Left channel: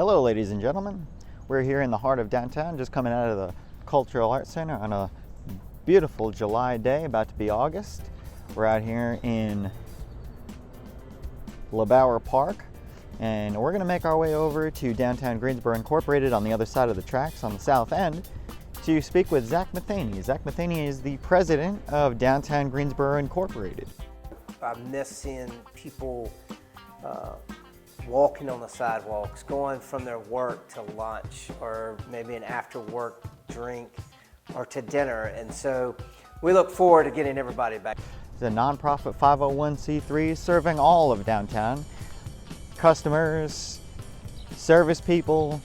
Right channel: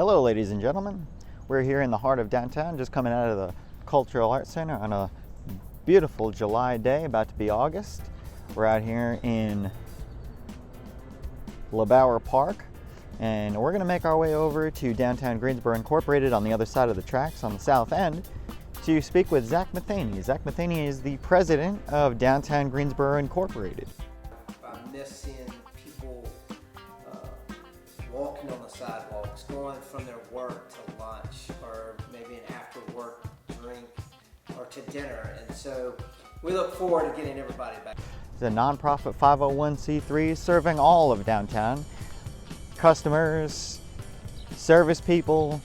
Hello ladies and gentlemen, we're here in the heart of downtown, just coming out of the Cultural Arts Center on a beautiful July day, about to be August. We're out here in LeBauer Park, and we're going to make our way over to downtown Greensboro Incorporated on the other side of the tracks on the south end to speak with Zack Matheny. Zack Matheny is the president of downtown Greensboro Incorporated. I miss seeing people walking on the sidewalks, going from their work to lunch, or maybe an after-work drink, or to dinner. And so we look forward to getting everybody back. It's a nonprofit 501c3 serving all of downtown. Customers, service people,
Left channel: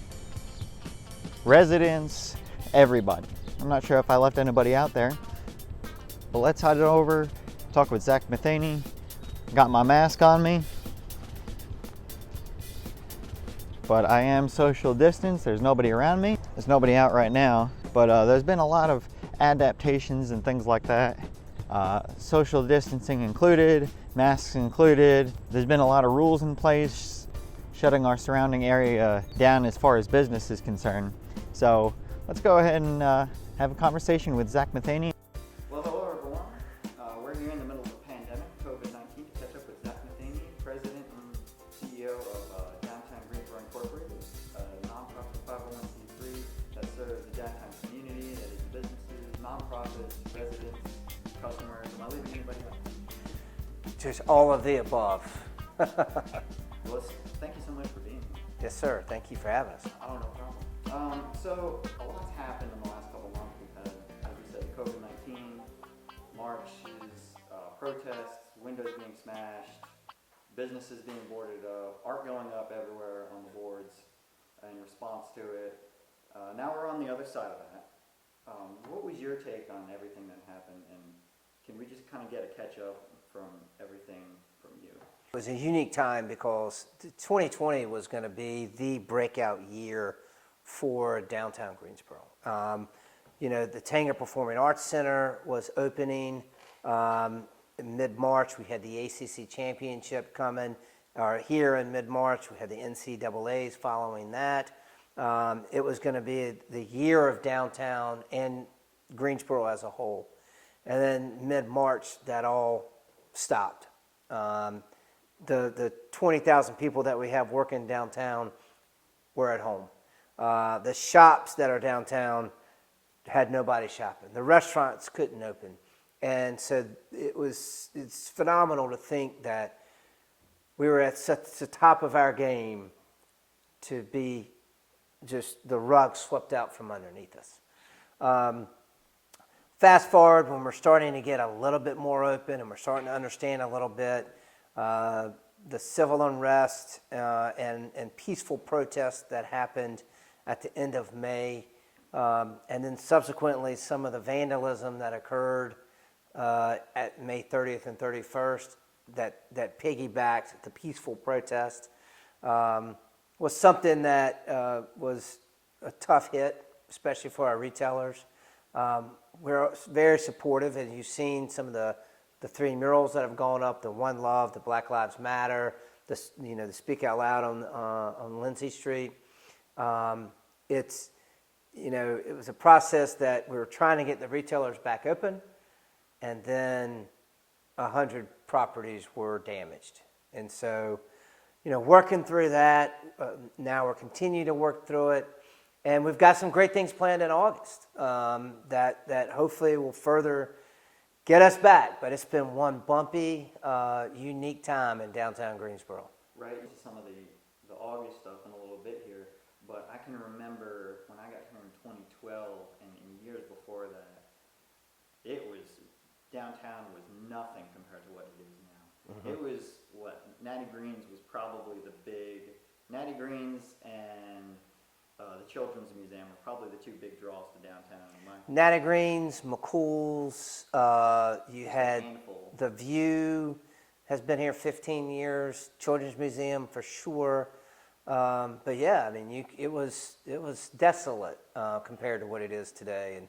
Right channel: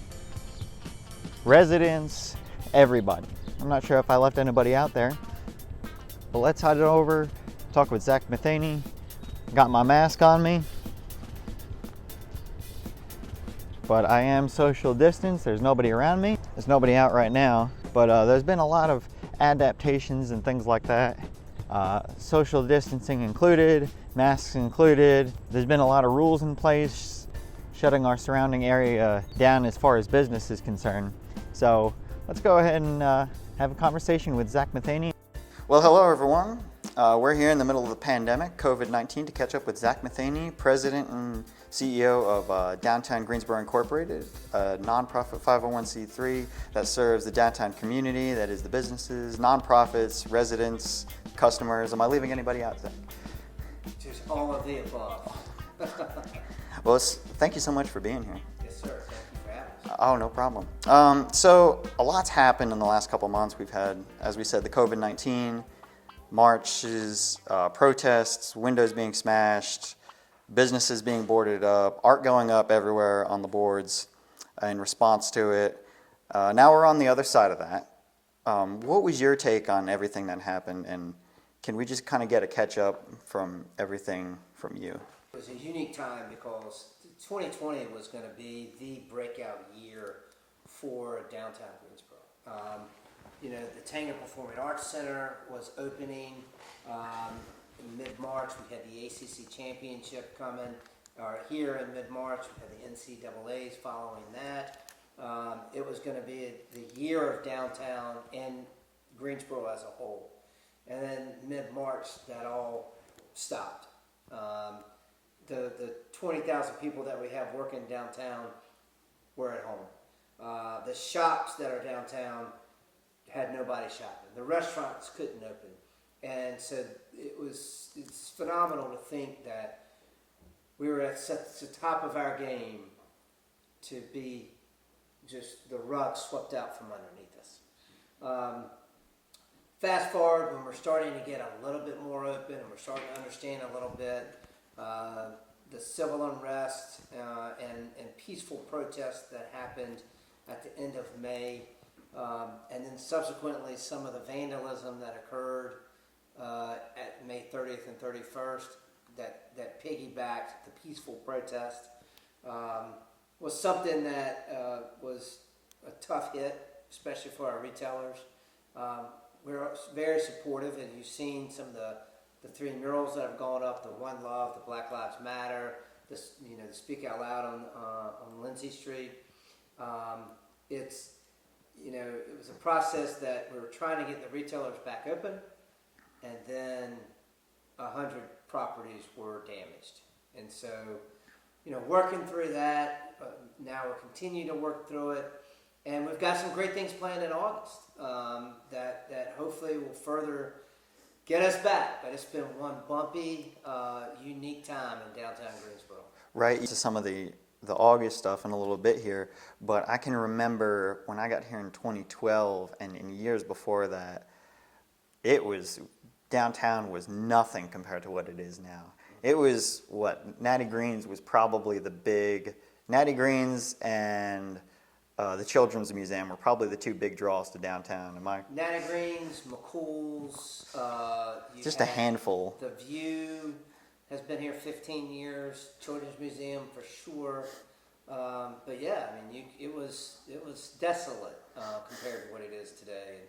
residents, everybody. I'm not sure if I left anybody out there, but let's head over, talk with Zack Matheny. Got my mask on me, but I am social distance. There's nobody around me. There's nobody out right now, but there's been a lot of adaptations and things like that. Social distancing included, masks included. There's been a lot of rules in place, shutting our surrounding area down as far as business is concerned. So let's go ahead and have a conversation with Zack Matheny. Well, hello everyone. We're here in the middle of the pandemic, COVID-19, to catch up with Zack Matheny, President and CEO of Downtown Greensboro Incorporated, a nonprofit 501c3 that serves the downtown community, that is the businesses, nonprofits, residents, customers. Am I leaving anybody out there? Just all of the above. Well, thank you so much for being here. Yes, sir. Thank you for having us. Oh, no problem. So a lot's happened in the last couple months. We've had, as we said, the COVID-19, marches, protests, windows being smashed, businesses being boarded up, art going up everywhere on the boards in response to it. Now we're on the other side of that. What was your take on everything that happened, and can we just kind of get a catch up from everything from you? It was a unique time because 2020 was going to be the breakout year for downtown Greensboro. You know, the Tanger Performing Arts Center was opening in mid-March. We had the ACC Championship coming here in mid-March. We had the NCAAs following that. It was going to be the year of downtown and Greensboro as a whole. And then mid-March, that all stopped. The 20,000 people that we have working downtown were at home. The shops that are downtown had nobody shopping. The restaurants couldn't open. And so it's phenomenal to think that we were at such the top of our game to be just the rug swept out from underneath us. Fast forward, when we're starting to get a little bit more open and we're starting to understand a little bit the civil unrest and peaceful protests that happened at the end of May, and then subsequently some of the vandalism that occurred at May 30th and 31st that piggybacked the peaceful protest was something that was a tough hit, especially for our retailers. We're very supportive, and you've seen some of the three murals that have gone up: the One Love, the Black Lives Matter, the Speak Out Loud on Lindsay Street. It was a process that we were trying to get the retailers back open, and then 100 properties were damaged. And so, working through that, now we're continuing to work through it, and we've got some great things planned in August that hopefully will further get us back. But it's been one bumpy, unique time in downtown Greensboro. Right, to some of the August stuff in a little bit here, but I can remember when I got here in 2012 and in years before that, downtown was nothing compared to what it is now. Mm-hmm. It was Natty Green's was probably the big, Natty Green's and the Children's Museum were probably the two big draws to downtown. Natty Green's, McCool's, just a handful. The View has been here 15 years. Children's Museum for sure. But yeah, I mean, it was desolate compared to what it is today.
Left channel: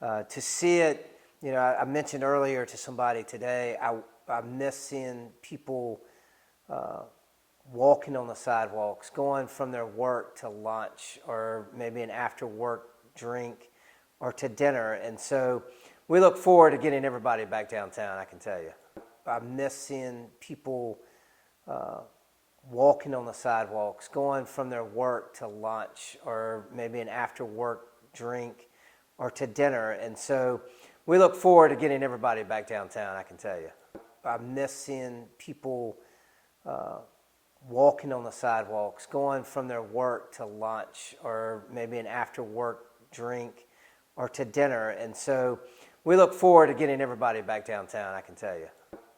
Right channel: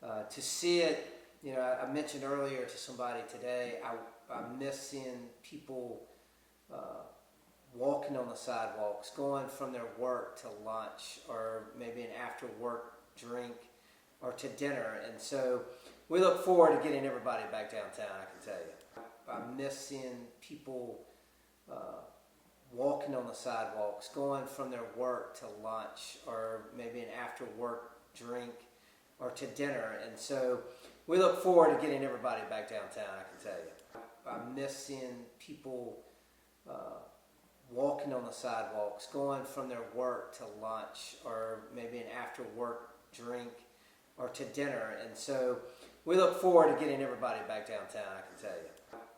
And to see it, I mentioned earlier to somebody today, I miss seeing people walking on the sidewalks, going from their work to lunch or maybe an after work drink or to dinner. And so we look forward to getting everybody back downtown, I can tell you. I miss seeing people walking on the sidewalks, going from their work to lunch or maybe an after work drink or to dinner. And so we look forward to getting everybody back downtown, I can tell you. I miss seeing people walking on the sidewalks, going from their work to lunch or maybe an after work drink or to dinner. And so we look forward to getting everybody back downtown, I can tell you.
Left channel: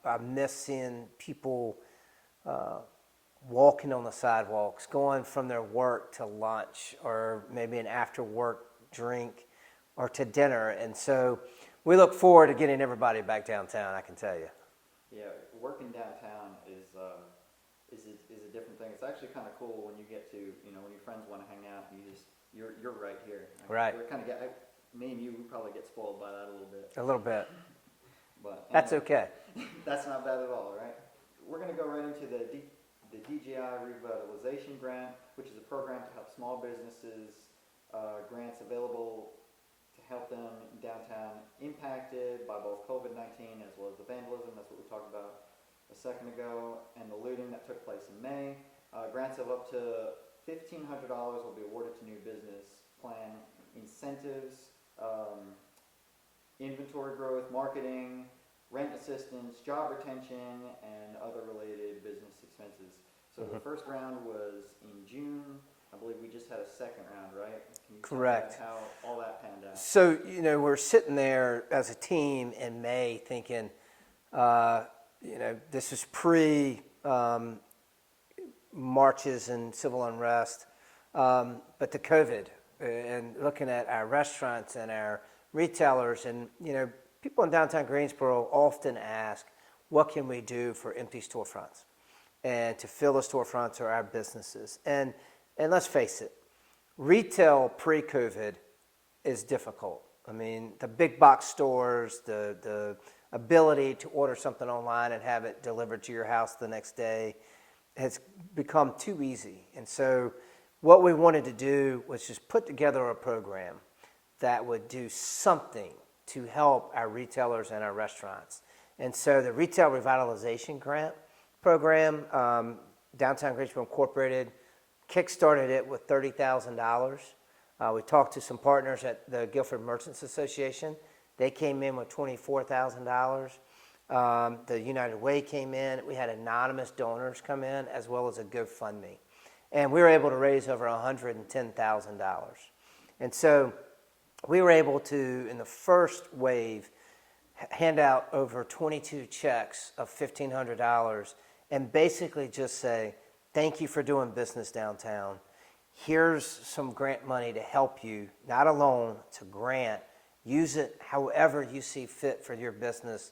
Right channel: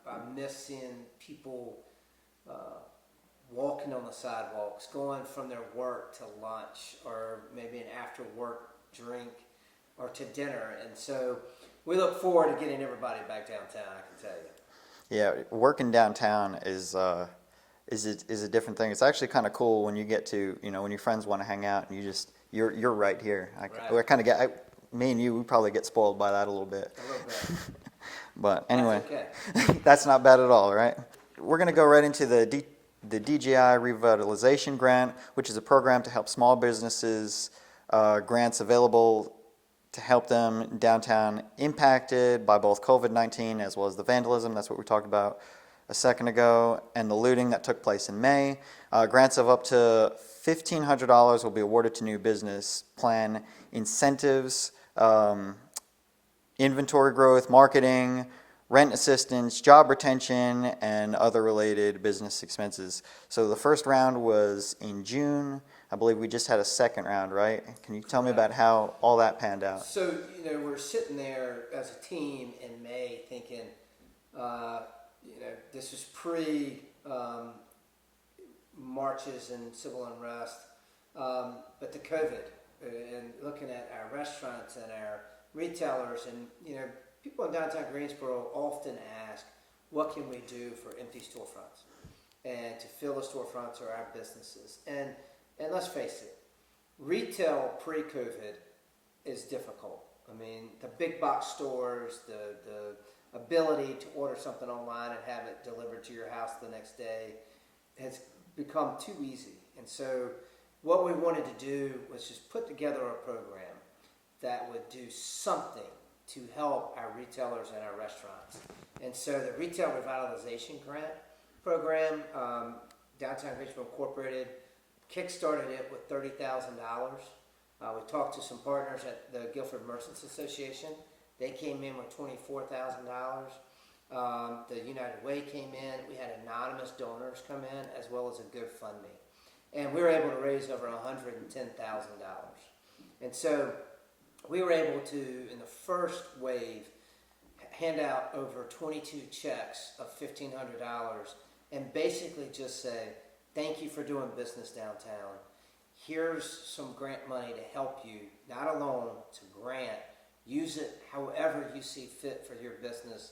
I miss seeing people walking on the sidewalks, going from their work to lunch or maybe an after work drink or to dinner. And so we look forward to getting everybody back downtown, I can tell you. Yeah, working downtown is a different thing. It's actually kind of cool when you get to, when your friends want to hang out and you're right here. Right. I kind of get, me and you, we probably get spoiled by that a little bit. A little bit. But anyway, that's okay. That's not bad at all, right? We're going to go right into the Dji Revitalization Grant, which is a program to help small businesses, grants available to help them downtown impacted by both COVID-19 as well as the vandalism. That's what we talked about a second ago, and the looting that took place in May. Grants of up to $1,500 will be awarded to new business plan incentives, inventory growth, marketing, rent assistance, job retention, and other related business expenses. So the first round was in June. I believe we just had a second round, right? Can you tell me about how all that panned out? So, we're sitting there as a team in May thinking, this is pre-marches and civil unrest, but the COVID, and looking at our restaurants and our retailers, and, people in downtown Greensboro often ask, what can we do for empty storefronts and to fill the storefronts or our businesses? And let's face it, retail pre-COVID is difficult. I mean, the big box stores, the ability to order something online and have it delivered to your house the next day has become too easy. And so what we wanted to do was just put together a program that would do something to help our retailers and our restaurants. And so the Retail Revitalization Grant program, Downtown Greensboro Incorporated, kickstarted it with $30,000. We talked to some partners at the Guilford Merchants Association. They came in with $24,000. The United Way came in. We had anonymous donors come in as well as a GoFundMe. And we were able to raise over $110,000. And so we were able to, in the first wave, hand out over 22 checks of $1,500 and basically just say, thank you for doing business downtown. Here's some grant money to help you, not a loan, it's a grant. Use it however you see fit for your business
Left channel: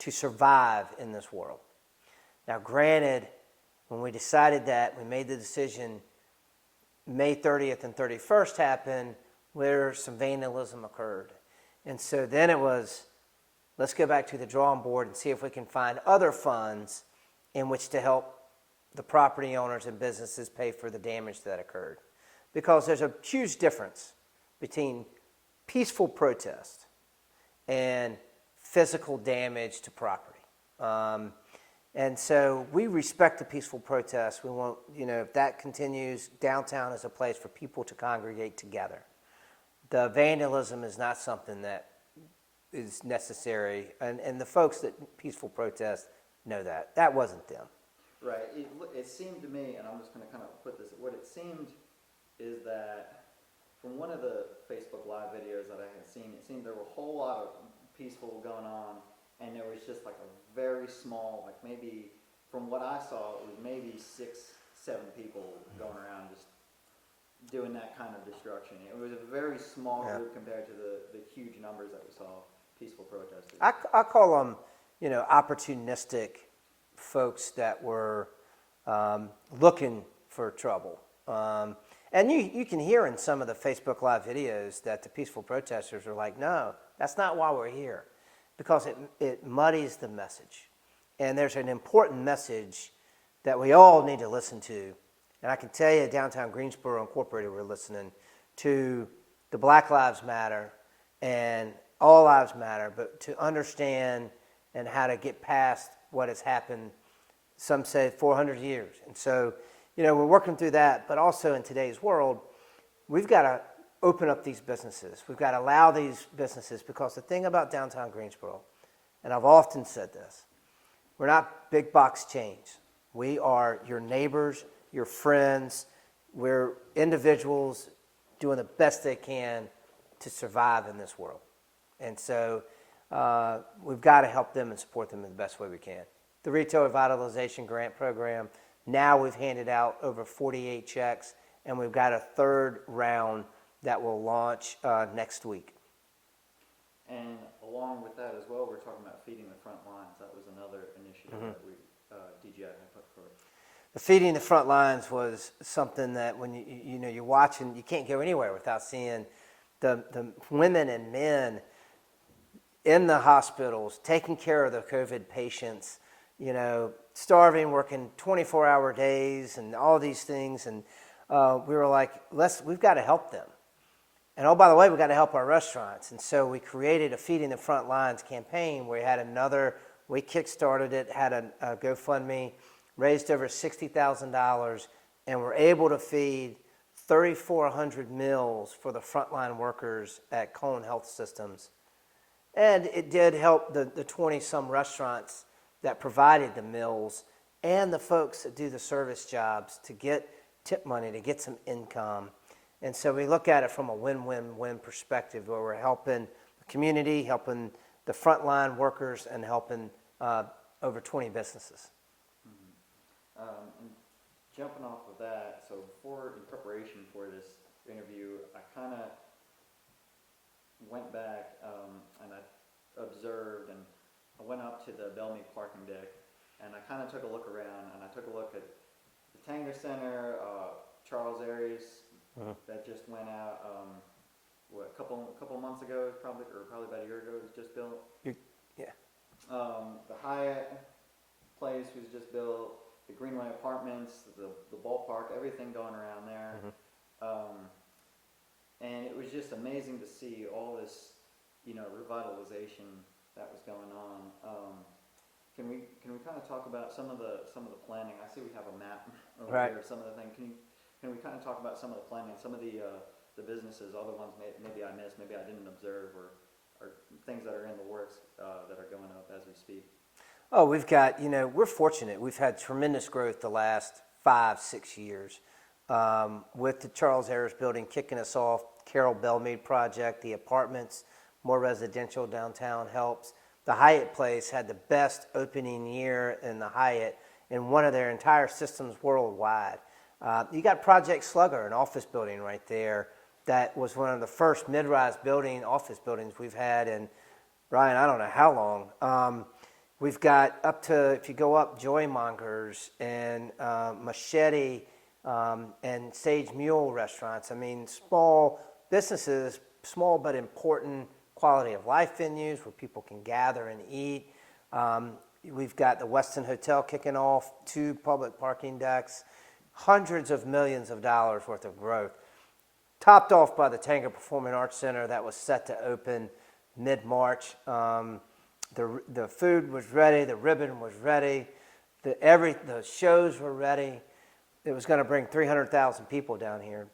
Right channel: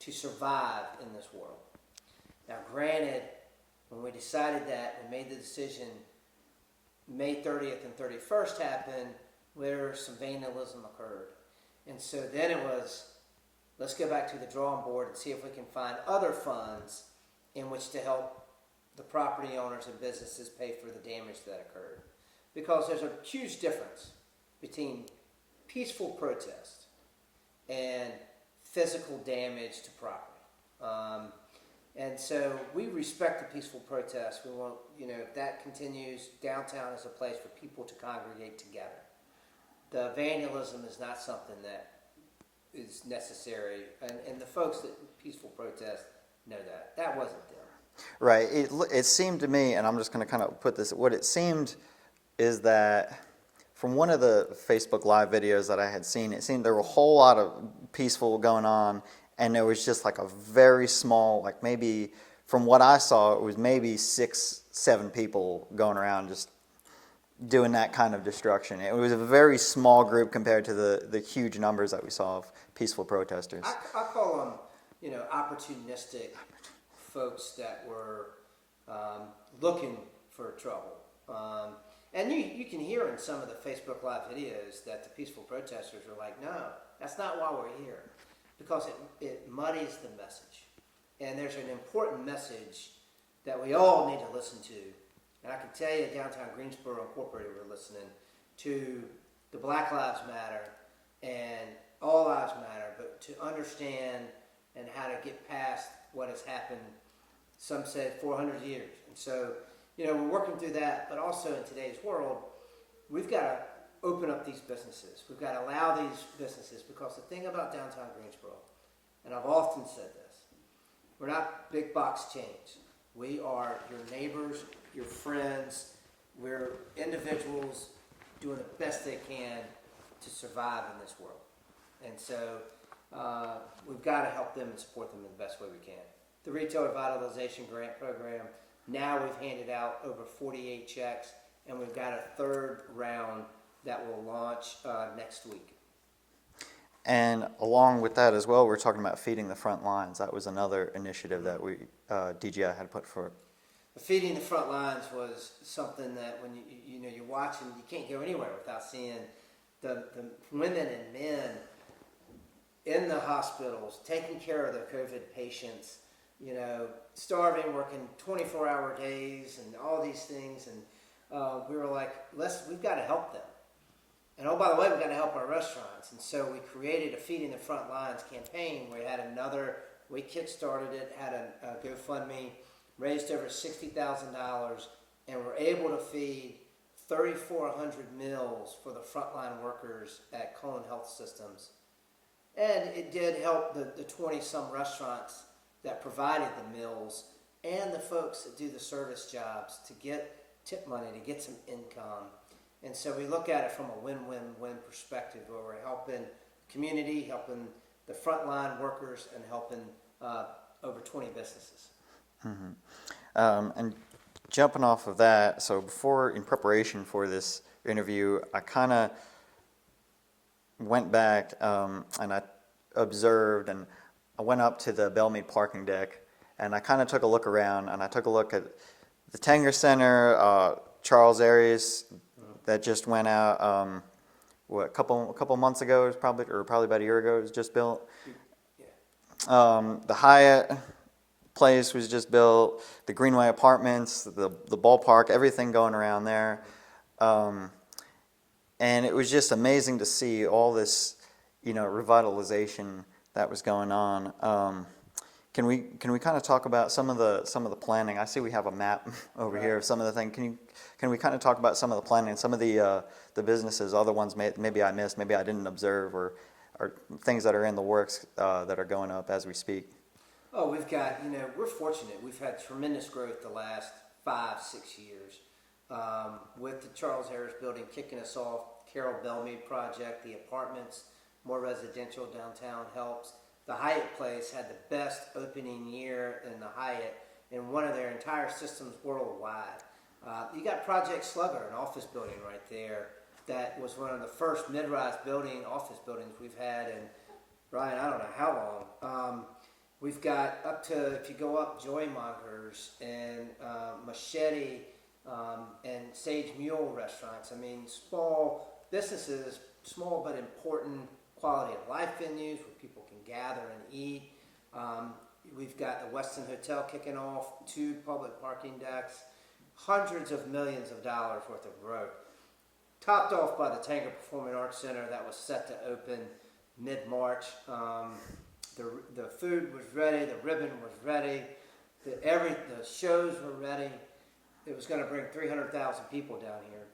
to survive in this world. Now, granted, when we decided that, we made the decision, May 30th and 31st happened, where some vandalism occurred. And so then it was, let's go back to the drawing board and see if we can find other funds in which to help the property owners and businesses pay for the damage that occurred. Because there's a huge difference between peaceful protest and physical damage to property. And so we respect the peaceful protest. We want, if that continues, downtown is a place for people to congregate together. The vandalism is not something that is necessary. And the folks that peaceful protest know that. That wasn't them. Right. It seemed to me, and I'm just going to kind of put this, what it seemed is that from one of the Facebook Live videos that I had seen, it seemed there were a whole lot of peaceful going on, and there was just like a very small, like maybe, from what I saw, it was maybe 6-7 people going around just doing that kind of destruction. It was a very small group compared to the huge numbers that we saw of peaceful protesters. I call them, opportunistic folks that were looking for trouble. And you can hear in some of the Facebook Live videos that the peaceful protesters are like, no, that's not why we're here. Because it muddies the message. And there's an important message that we all need to listen to. And I can tell you, Downtown Greensboro Incorporated, we're listening to the Black Lives Matter and All Lives Matter, but to understand and how to get past what has happened, some say 400 years. And so, we're working through that, but also in today's world, we've got to open up these businesses. We've got to allow these businesses, because the thing about Downtown Greensboro, and I've often said this, we're not big box chains. We are your neighbors, your friends. We're individuals doing the best they can to survive in this world. And so we've got to help them and support them in the best way we can. The Retail Revitalization Grant Program, now we've handed out over 48 checks, and we've got a third round that will launch next week. And along with that as well, we're talking about feeding the front lines. That was another initiative that we DGI had put forward. The feeding the front lines was something that when you're watching, you can't go anywhere without seeing the women and men in the hospitals taking care of the COVID patients, starving, working 24-hour days and all these things. And we were like, we've got to help them. And oh, by the way, we've got to help our restaurants. And so we created a Feeding the Front Lines campaign where we kickstarted it, had a GoFundMe, raised over $60,000, and we're able to feed 3,400 meals for the frontline workers at Cone Health Systems. And it did help the 20-some restaurants that provided the meals and the folks that do the service jobs to get tip money, to get some income. And so we look at it from a win-win-win perspective, where we're helping the community, helping the frontline workers, and helping over 20 businesses. Mm-hmm. And jumping off of that, so in preparation for this interview, I kind of went back and I observed, and I went up to the Bellmead parking deck, and I kind of took a look around, and I took a look at the Tanger Center, Charles Arias, that just went out, a couple months ago, it was probably about a year ago, it was just built. Yeah. The Hyatt place was just built, the Greenway Apartments, the ballpark, everything going around there. And it was just amazing to see all this, revitalization that was going on. Can we kind of talk about some of the planning? I see we have a map over here of some of the things. Can we kind of talk about some of the planning, some of the businesses, other ones maybe I missed, maybe I didn't observe, or things that are in the works that are going up as we speak? Oh, we've got, we're fortunate. We've had tremendous growth the last 5-6 years. With the Charles Harris building kicking us off, Carol Bellmead project, the apartments, more residential downtown helps. The Hyatt place had the best opening year in the Hyatt in one of their entire systems worldwide. You got Project Slugger, an office building right there that was one of the first mid-rise office buildings we've had in, Ryan, I don't know how long. We've got up to, if you go up, Joymongers and Machete and Sage Mule restaurants. I mean, small businesses, small but important quality of life venues where people can gather and eat. We've got the Westin Hotel kicking off, 2 public parking decks, hundreds of millions of dollars worth of growth. Topped off by the Tanger Performing Arts Center that was set to open mid-March. The food was ready, the ribbon was ready, the shows were ready. It was going to bring 300,000 people down here.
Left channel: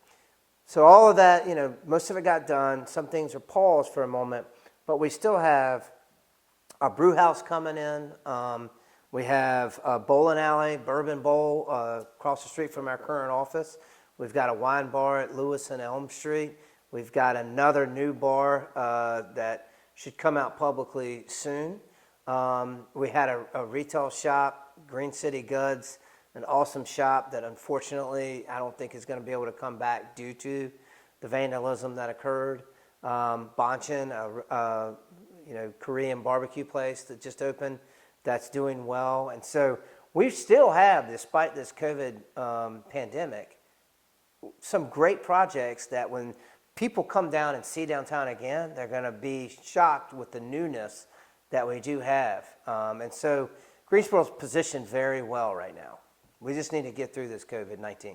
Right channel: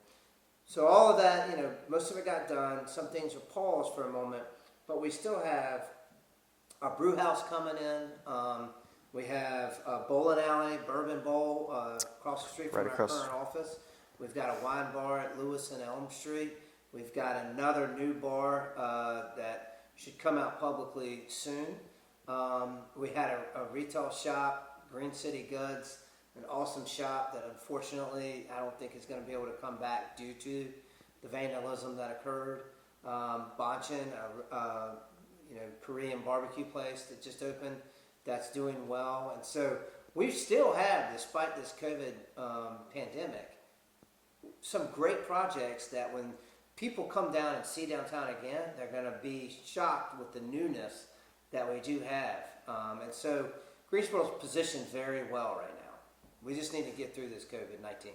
So all of that, most of it got done. Some things are paused for a moment, but we still have a brew house coming in. We have a bowling alley, Bourbon Bowl, across the street from our current office. We've got a wine bar at Lewis and Elm Street. We've got another new bar that should come out publicly soon. We had a retail shop, Green City Goods, an awesome shop that unfortunately I don't think is going to be able to come back due to the vandalism that occurred. Banchan, a Korean barbecue place that just opened that's doing well. And so we still have, despite this COVID pandemic, some great projects that when people come down and see downtown again, they're going to be shocked with the newness that we do have. And so Greensboro's positioned very well right now. We just need to get through this COVID-19.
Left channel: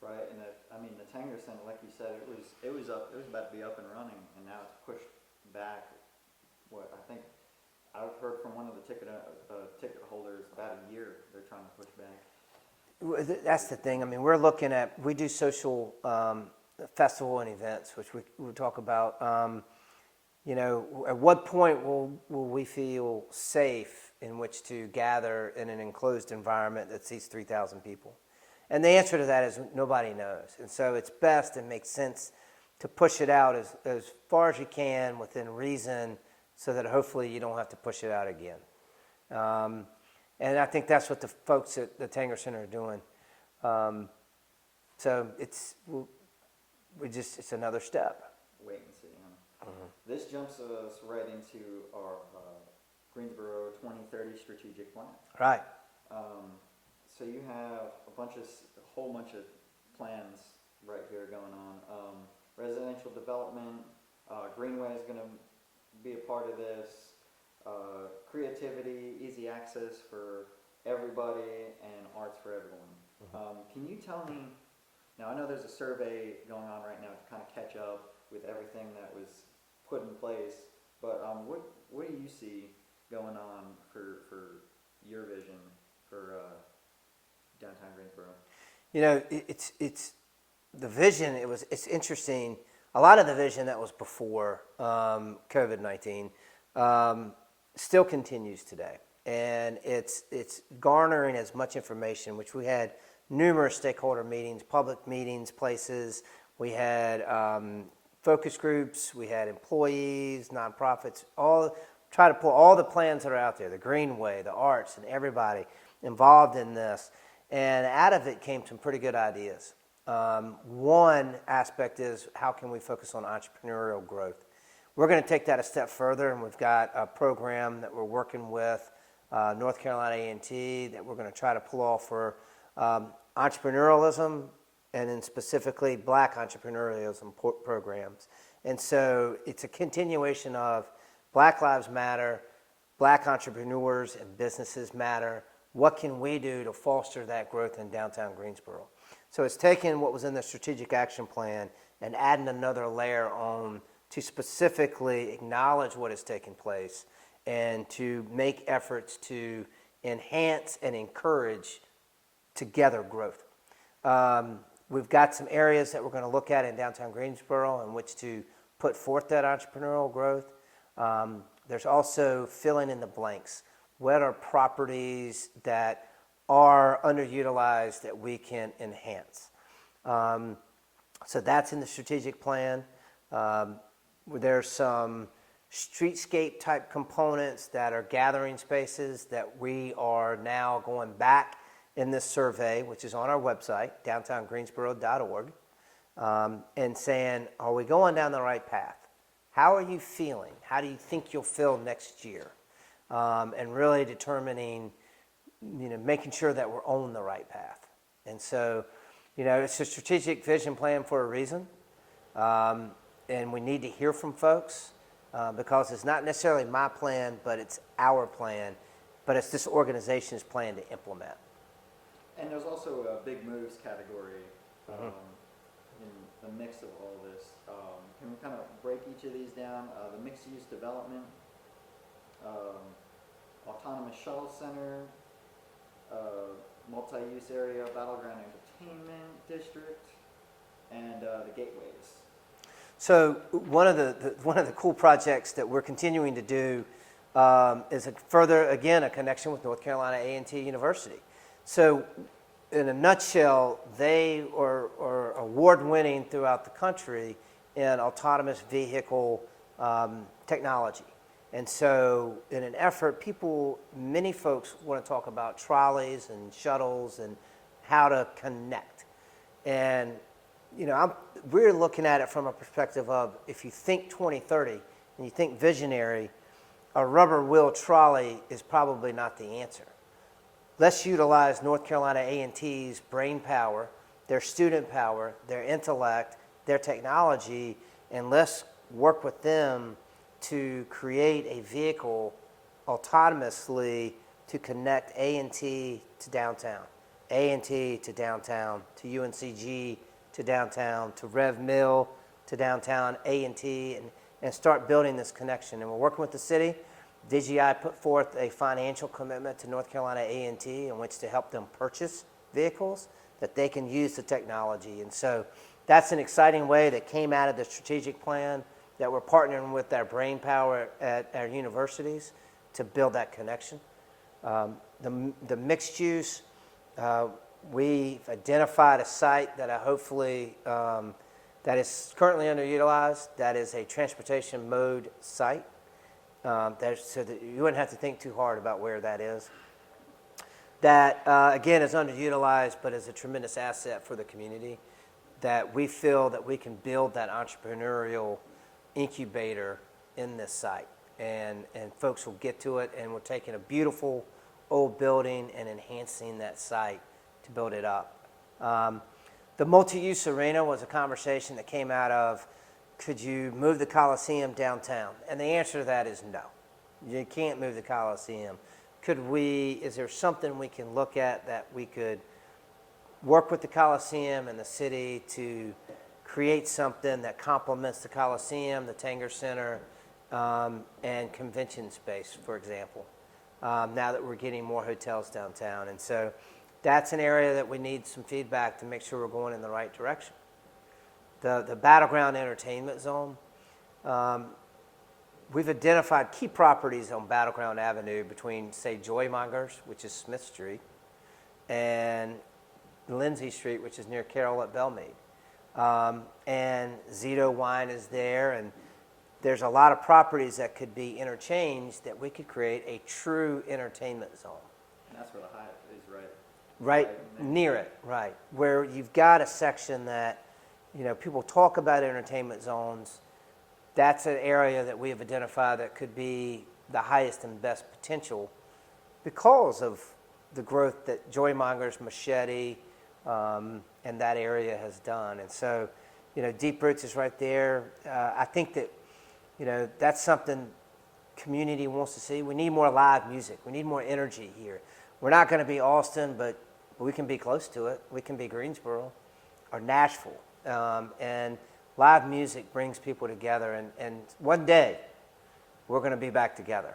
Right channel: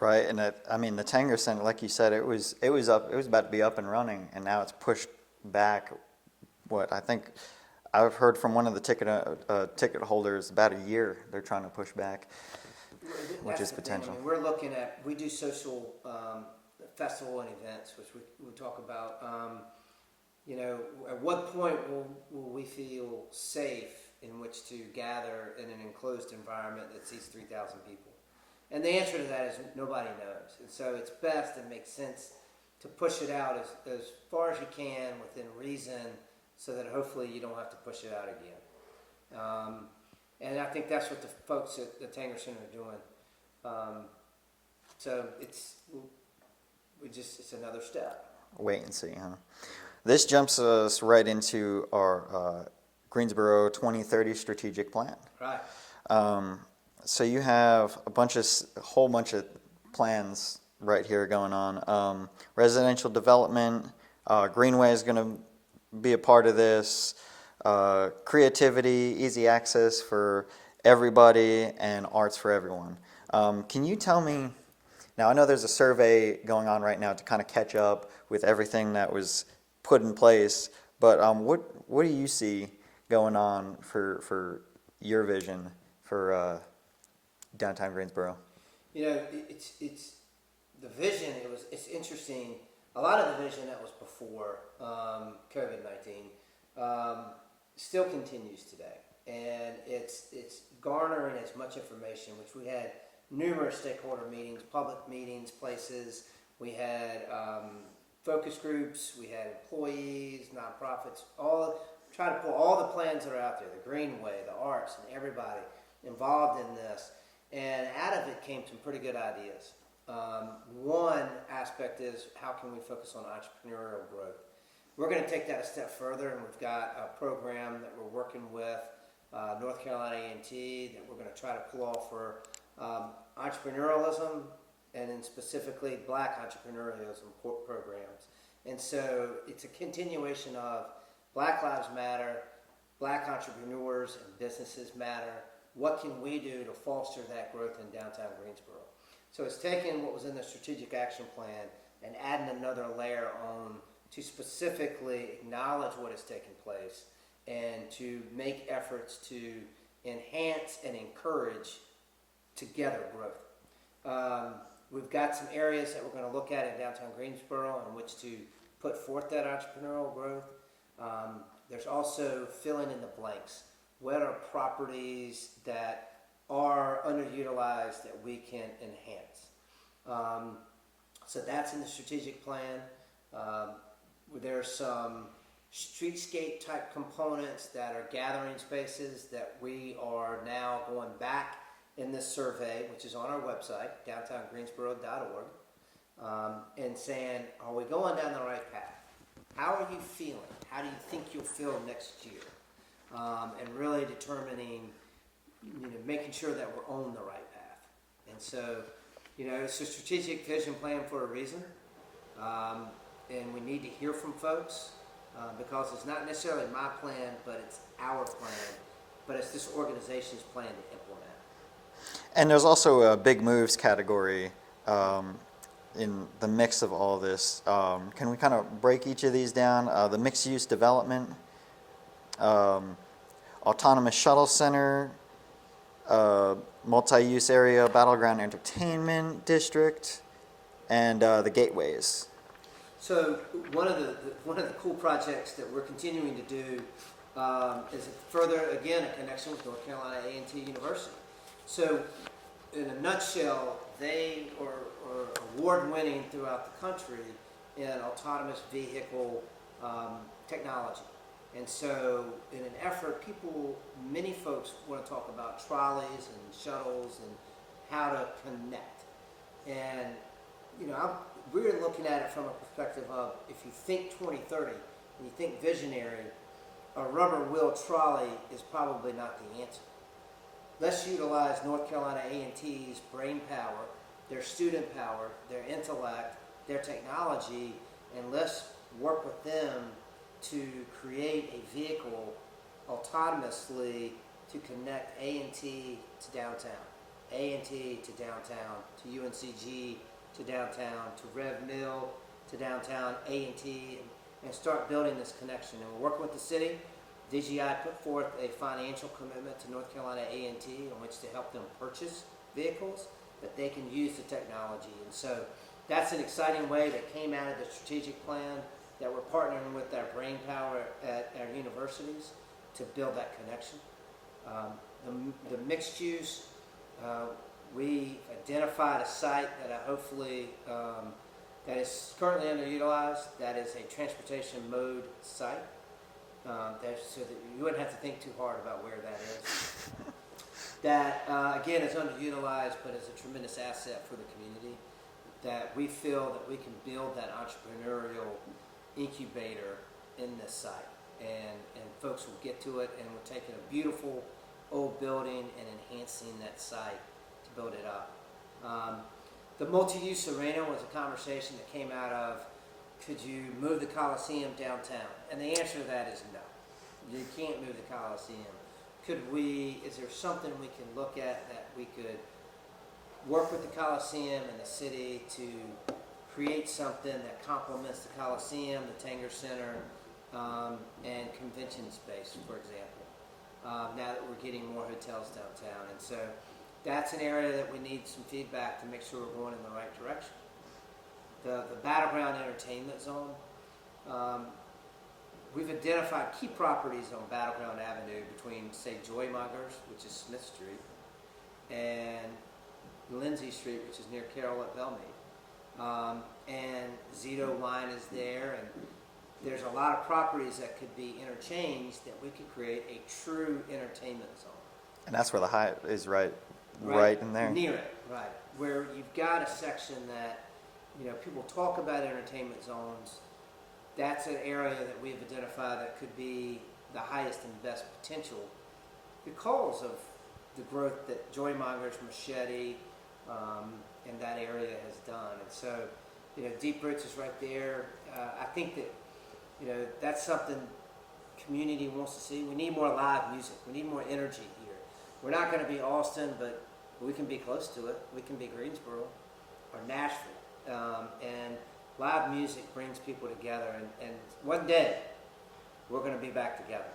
Right, and I mean the Tanger Center, like you said, it was about to be up and running, and now it's pushed back. What I think I've heard from one of the ticket holders, about a year they're trying to push back. That's the thing. I mean, we're looking at, we do social festival and events, which we talk about. You know, at what point will we feel safe in which to gather in an enclosed environment that seats 3,000 people? And the answer to that is nobody knows. And so it's best and makes sense to push it out as far as you can within reason, so that hopefully you don't have to push it out again. And I think that's what the folks at the Tanger Center are doing. So it's another step. Wait and see, huh? Mm-hmm. This jumps us right into our Greensboro 2030 strategic plan. Right. So you have a whole bunch of plans right here going on. Residential development, Greenway is going to be a part of this. Creativity, easy access for everybody, and arts for everyone. Can you tell me, now I know there's a survey going on right now to kind of catch up with everything that was put in place, but what do you see going on for your vision for downtown Greensboro? You know, it's the vision. It's interesting. A lot of the vision that was before COVID-19 still continues today, and it's garnering as much information. Which we had numerous stakeholder meetings, public meetings, places. We had focus groups. We had employees, nonprofits. Try to pull all the plans that are out there. The Greenway, the arts, and everybody involved in this. And out of it came some pretty good ideas. One aspect is, how can we focus on entrepreneurial growth? We're going to take that a step further, and we've got a program that we're working with North Carolina A&T that we're going to try to pull off for entrepreneurialism, and then specifically Black entrepreneurialism programs. And so it's a continuation of Black Lives Matter, Black entrepreneurs and businesses matter. What can we do to foster that growth in downtown Greensboro? So it's taking what was in the strategic action plan and adding another layer on to specifically acknowledge what is taking place and to make efforts to enhance and encourage together growth. We've got some areas that we're going to look at in downtown Greensboro in which to put forth that entrepreneurial growth. There's also filling in the blanks. What are properties that are underutilized that we can enhance? So that's in the strategic plan. There's some streetscape type components that are gathering spaces that we are now going back in this survey, which is on our website, downtowngreensboro.org, and saying, are we going down the right path? How are you feeling? How do you think you'll feel next year? And really determining, making sure that we're on the right path. And so, it's a strategic vision plan for a reason. And we need to hear from folks because it's not necessarily my plan, but it's our plan. But it's this organization's plan to implement. And there's also a big moves category in the mix of all this. Can we kind of break each of these down? The mixed-use development, autonomous shuttle center, multi-use area, battleground entertainment district, and the gateways. So one of the cool projects that we're continuing to do is a connection with North Carolina A&T University. So in a nutshell, they are award-winning throughout the country in autonomous vehicle technology. And so in an effort, many folks want to talk about trolleys and shuttles and how to connect. And, we're looking at it from a perspective of, if you think 2030 and you think visionary, a rubber wheel trolley is probably not the answer. Let's utilize North Carolina A&T's brain power, their student power, their intellect, their technology, and let's work with them to create a vehicle autonomously to connect A&T to downtown. A&T to downtown, to UNCG to downtown, to Rev Mill to downtown, A&T, and start building this connection. And we're working with the city. DGI put forth a financial commitment to North Carolina A&T in which to help them purchase vehicles that they can use the technology. And so that's an exciting way that came out of the strategic plan that we're partnering with our brain power at our universities to build that connection. The mixed use, we've identified a site that hopefully that is currently underutilized. That is a transportation mode site. So that you wouldn't have to think too hard about where that is. That, again, is underutilized, but is a tremendous asset for the community. That we feel that we can build that entrepreneurial incubator in this site. And folks will get to it, and we're taking a beautiful old building and enhancing that site to build it up. The multi-use arena was a conversation that came out of, could you move the Coliseum downtown? And the answer to that is no. You can't move the Coliseum. Is there something we can look at that we could work with the Coliseum and the city to create something that complements the Coliseum, the Tanger Center, and convention space, for example, now that we're getting more hotels downtown. And so that's an area that we need some feedback to make sure we're going in the right direction. The Battleground Entertainment Zone, we've identified key properties on Battleground Avenue between, say, Joymongers, which is Smith Street, and Lindsay Street, which is near Carroll at Belmead. And Zito Wine is there, and there's a lot of properties that could be interchanged that we could create a true entertainment zone. And that's where the Hyatt is right in there. Near it, right. Where you've got a section that, people talk about entertainment zones. That's an area that we have identified that could be the highest and best potential because of the growth that Joymongers, Machete, and that area has done. And so, Deep Roots is right there. I think that, that's something community wants to see. We need more live music. We need more energy here. We're not going to be Austin, but we can be close to it. We can be Greensboro or Nashville. And live music brings people together. And one day, we're going to be back together.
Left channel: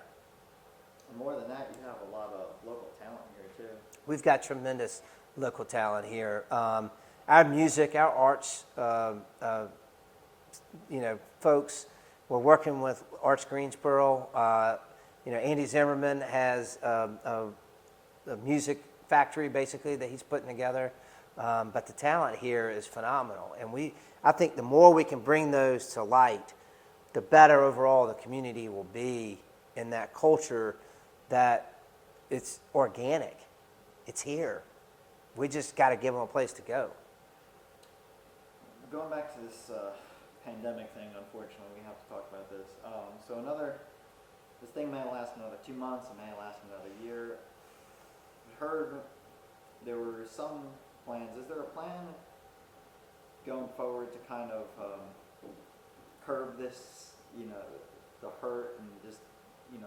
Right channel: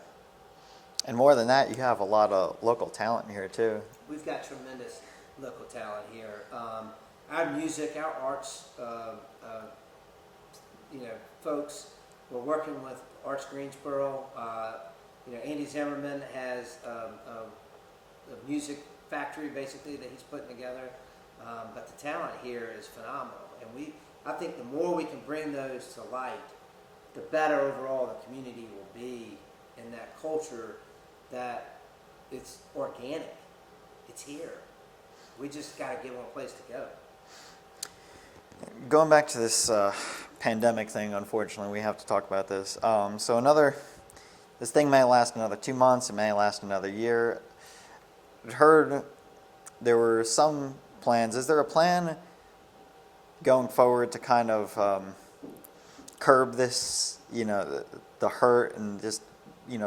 And more than that, you have a lot of local talent here, too. We've got tremendous local talent here. Our music, our arts, folks, we're working with Arts Greensboro. Andy Zimmerman has a music factory, basically, that he's putting together. But the talent here is phenomenal. And I think the more we can bring those to light, the better overall the community will be in that culture that it's organic. It's here. We just got to give them a place to go. Going back to this pandemic thing, unfortunately, we have to talk about this. This thing may last another 2 months. It may last another year. I heard there were some plans. Is there a plan going forward to kind of curb this, the hurt and just,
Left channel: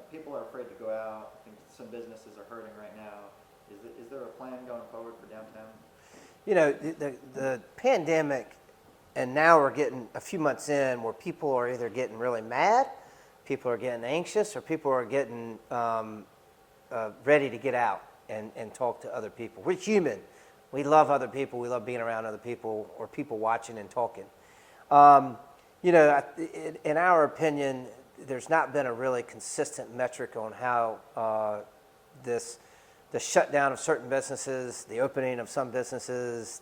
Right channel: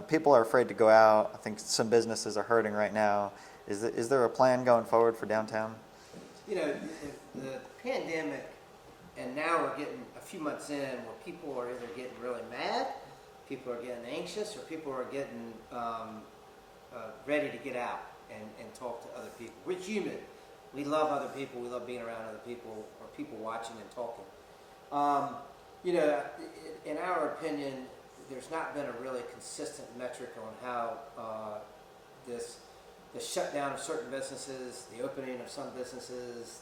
people are afraid to go out. I think some businesses are hurting right now. Is there a plan going forward for downtown? The pandemic, and now we're getting a few months in where people are either getting really mad, people are getting anxious, or people are getting ready to get out and talk to other people. We're human. We love other people. We love being around other people or people watching and talking. In our opinion, there's not been a really consistent metric on how the shutdown of certain businesses, the opening of some businesses,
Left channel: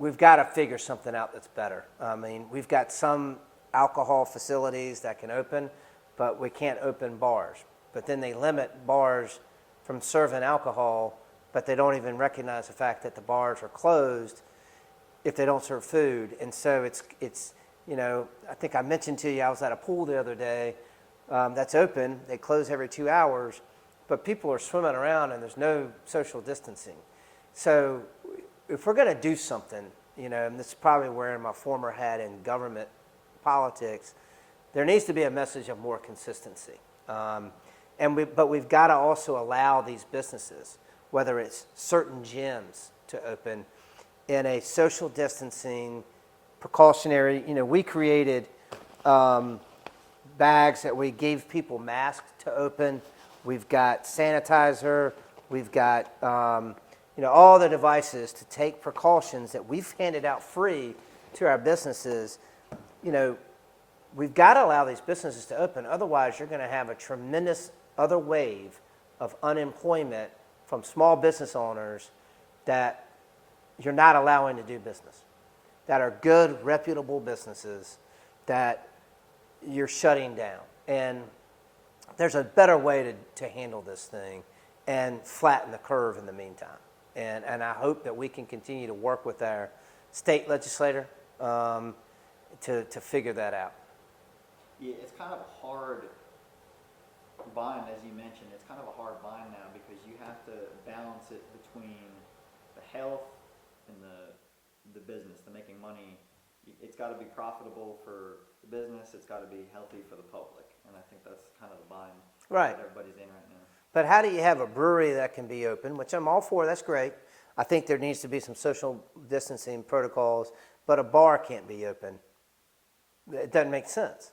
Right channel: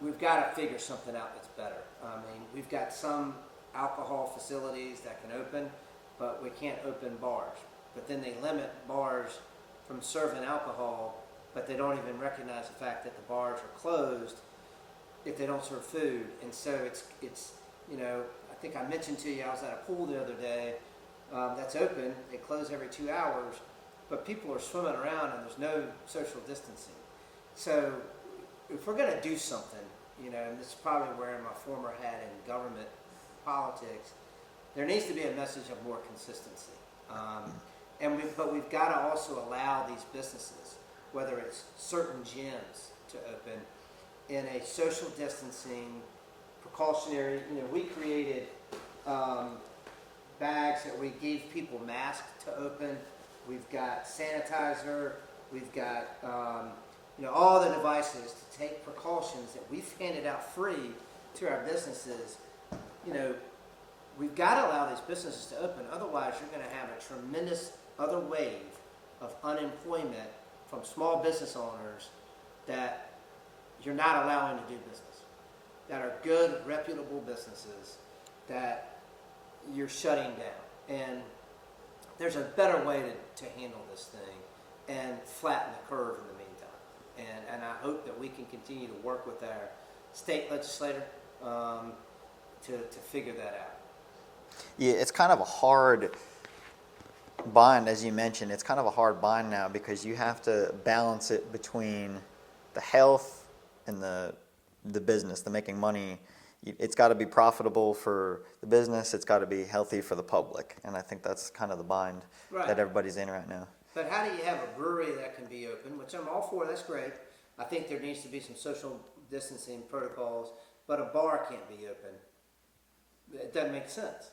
we've got to figure something out that's better. I mean, we've got some alcohol facilities that can open, but we can't open bars. But then they limit bars from serving alcohol, but they don't even recognize the fact that the bars are closed if they don't serve food. And so it's I think I mentioned to you, I was at a pool the other day that's open. They close every 2 hours, but people are swimming around and there's no social distancing. So if we're going to do something, and this is probably wearing my former hat in government politics, there needs to be a message of more consistency. But we've got to also allow these businesses whether it's certain gyms to open in a social distancing, precautionary, we created bags that we gave people masks to open. We've got sanitizer. We've got, all the devices to take precautions that we've handed out free to our businesses. We've got to allow these businesses to open. Otherwise, you're going to have a tremendous other wave of unemployment from small business owners that you're not allowing to do business, that are good, reputable businesses that you're shutting down. And there's a better way to handle this thing and flatten the curve in the meantime. And I hope that we can continue to work with our state legislator to figure that out. Yeah, it's kind of a hard bind, as you mentioned. It's kind of a hard bind now because you have to balance it between the health and the business, the making money. It's got to be profitable for the business. It's got to be healthy for the public. And I think that's kind of the bind that everybody's in right now. But how do you have a brewery that can be open, which I'm all for, that's great. I think there needs to be some social distancing protocols, but a bar can't be open. It doesn't make sense.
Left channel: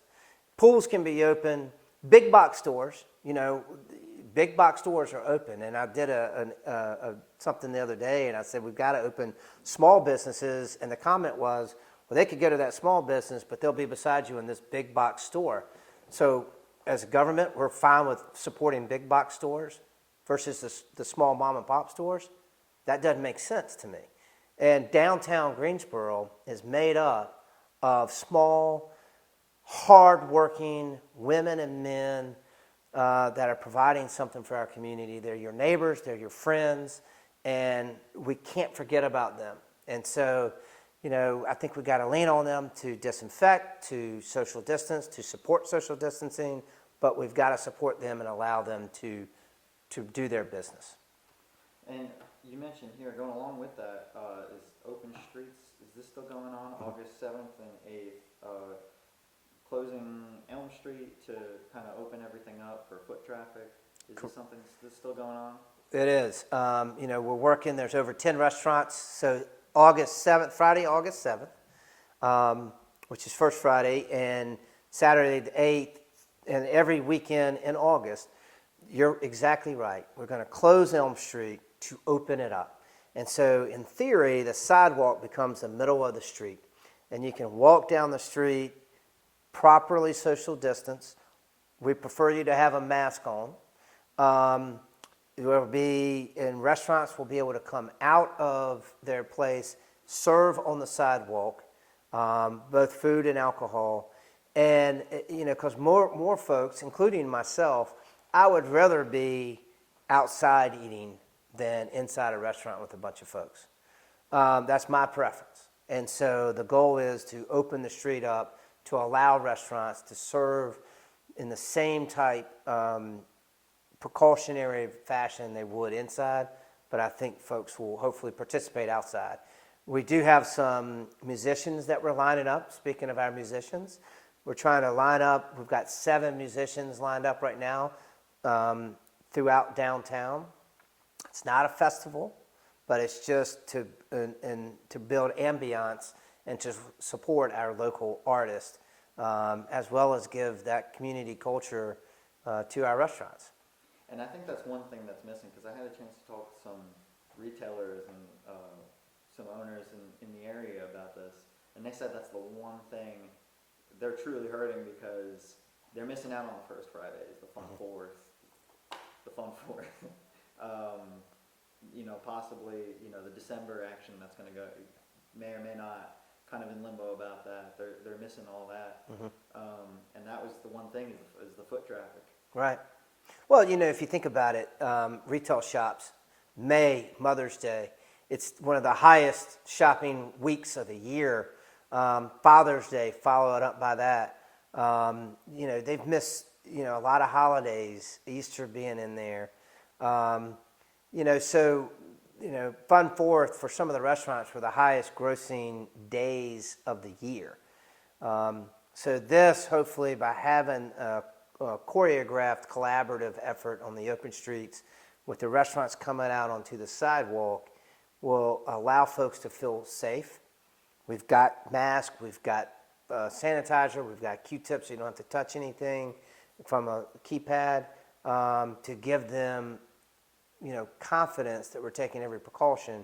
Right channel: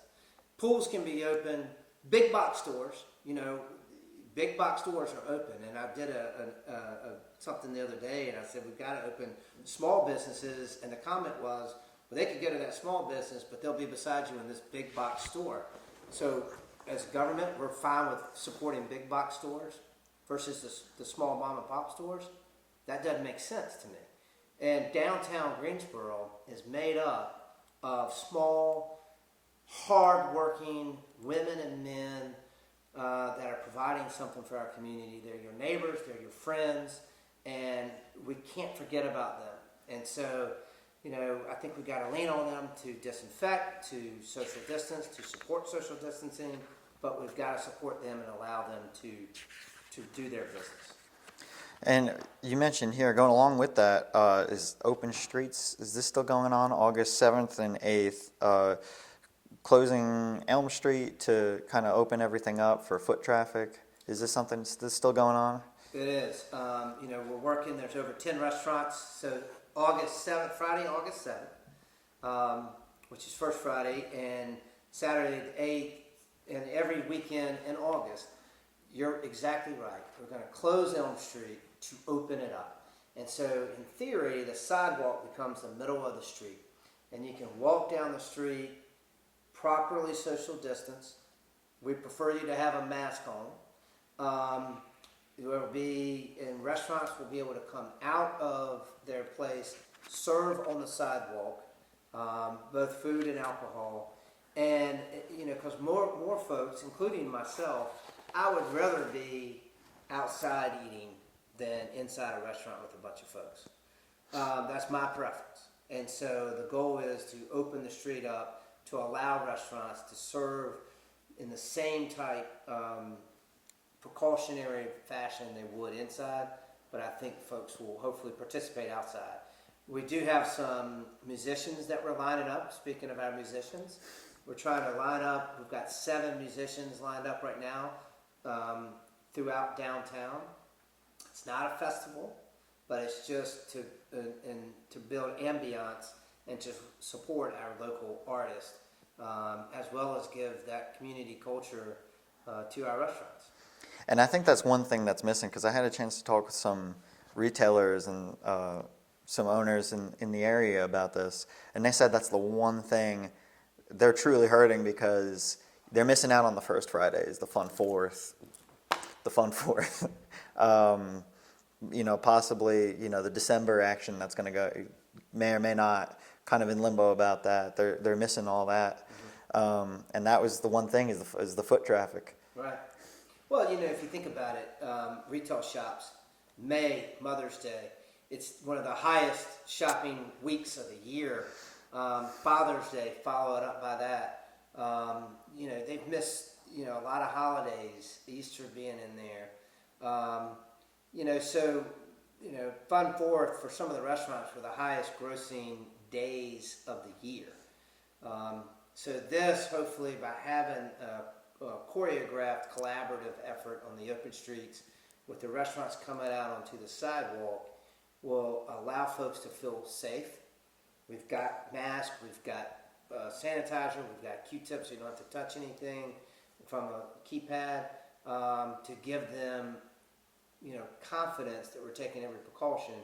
Pools can be open. Big box stores, big box stores are open. And I did something the other day, and I said, we've got to open small businesses. And the comment was, well, they could go to that small business, but they'll be beside you in this big box store. So as a government, we're fine with supporting big box stores versus the small mom and pop stores. That doesn't make sense to me. And downtown Greensboro is made up of small, hard-working women and men that are providing something for our community. They're your neighbors, they're your friends, and we can't forget about them. And so, I think we've got to lean on them to disinfect, to social distance, to support social distancing, but we've got to support them and allow them to do their business. And you mentioned here, going along with that, is Open Streets. Is this still going on? August 7th and 8th. Closing Elm Street to kind of open everything up for foot traffic. Is this something that's still going on? It is. We're working. There's over 10 restaurants. So August 7th, Friday, August 7th, which is First Friday, and Saturday the 8th, and every weekend in August. You're exactly right. We're going to close Elm Street to open it up. And so in theory, the sidewalk becomes the middle of the street. And you can walk down the street, properly social distance. We prefer you to have a mask on. Will be in restaurants will be able to come out of their place, serve on the sidewalk, both food and alcohol. And because more folks, including myself, I would rather be outside eating than inside a restaurant with a bunch of folks. That's my preference. And so the goal is to open the street up to allow restaurants to serve in the same type precautionary fashion they would inside, but I think folks will hopefully participate outside. We do have some musicians that we're lining up. Speaking of our musicians, we're trying to line up. We've got 7 musicians lined up right now throughout downtown. It's not a festival, but it's just to build ambiance and to support our local artists, as well as give that community culture to our restaurants. And I think that's one thing that's missing, because I had a chance to talk with some retailers and some owners in the area about this, and they said that's the one thing they're truly hurting, because they're missing out on the first Fridays, the fun fourth. Possibly, the December action that's going to go, may or may not, kind of in limbo about that. They're missing all that. Mm-hmm. And that was the one thing is the foot traffic. Right. Well, if you think about it, retail shops, May, Mother's Day, it's one of the highest shopping weeks of the year. Father's Day, followed up by that. They've missed, a lot of holidays, Easter being in there. Fun Fourth for some of the restaurants were the highest grossing days of the year. So this, hopefully, by having a choreographed, collaborative effort on the open streets, with the restaurants coming out onto the sidewalk, will allow folks to feel safe. We've got masks, we've got sanitizer, we've got Q-tips so you don't have to touch anything from a keypad, to give them, confidence that we're taking every precaution,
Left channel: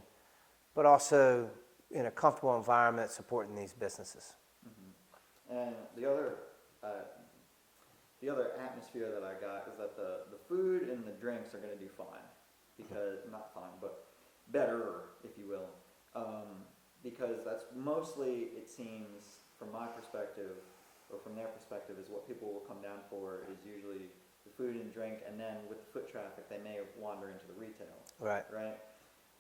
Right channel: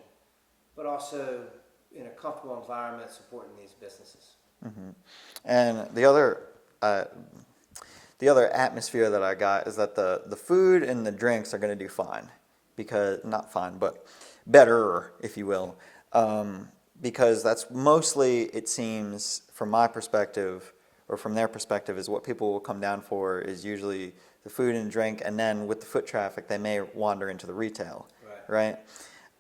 but also in a comfortable environment supporting these businesses. Mm-hmm. And the other atmosphere that I got is that the food and the drinks are going to do fine, because not fine, but better, if you will, because that's mostly, it seems, from my perspective or from their perspective, is what people will come down for is usually the food and drink, and then with the foot traffic, they may wander into the retail. Right.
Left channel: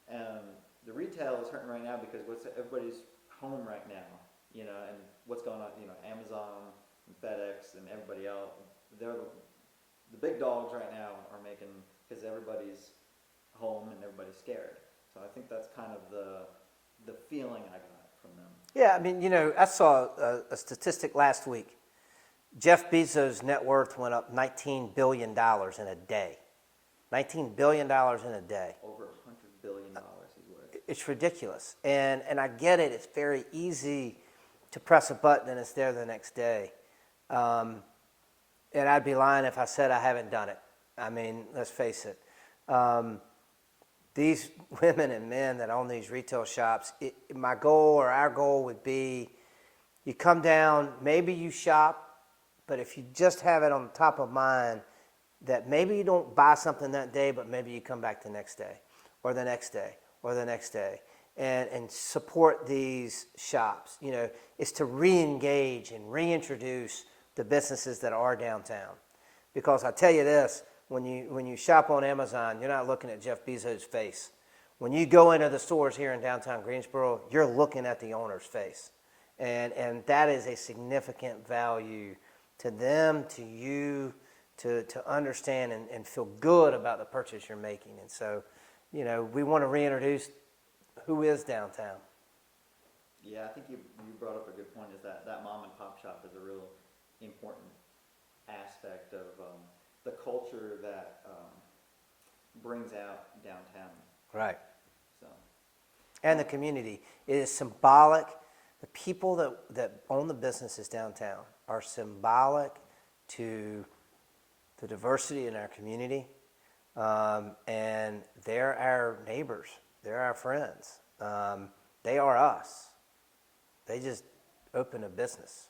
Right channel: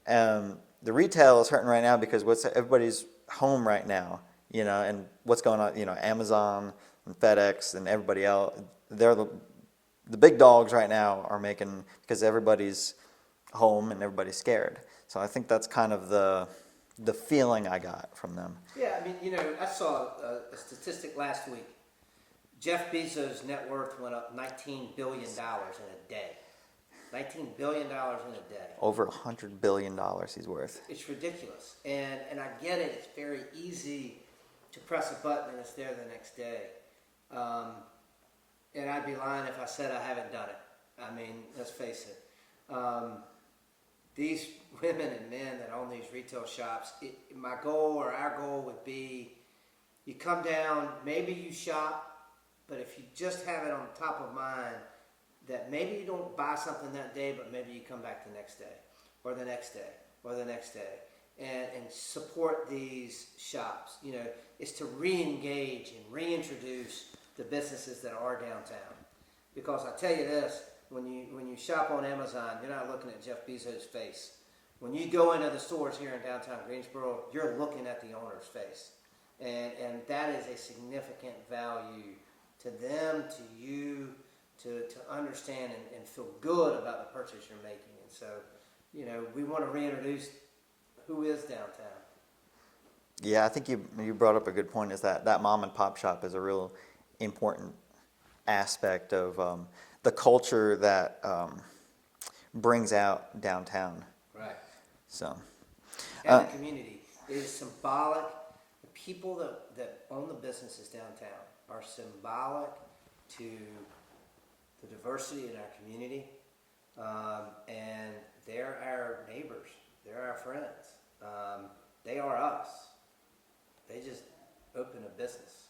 The retail is hurting right now because everybody's home right now, and what's going on, Amazon and FedEx and everybody else, they're the big dogs right now are making, because everybody's home and everybody's scared. So I think that's kind of the feeling I got from them. Yeah, I saw a statistic last week. Jeff Bezos' net worth went up $19 billion in a day. $19 billion in a day. Over $100 billion he's worth. It's ridiculous. And I get it. It's very easy to press a button and it's there the next day. And I'd be lying if I said I haven't done it. Let's face it. These women and men that own these retail shops, my goal or our goal would be, you come down, maybe you shop, but if you just have it on top of mind that maybe you don't buy something that day, but maybe you come back the next day or the next day or the next day and support these shops. It's to re-engage and reintroduce the businesses that are downtown. Because I tell you this, when you shop on Amazon, you're not looking at Jeff Bezos' face. When you go into the stores here in downtown Greensboro, you're looking at the owner's face. And that is a significant value to them, to you, to understand and feel good about the purchase you're making. And so, we want to reintroduce who is downtown. Yeah, I think you brought up a good point, is that mom and pop shop is a real important aspect of the culture that brings out downtown. Right. So. And the community. It is symbolic. The people that own the businesses downtown are symbolic to the diversity in our community, and they're our neighbors. They're our friends. They are us. They just open a business.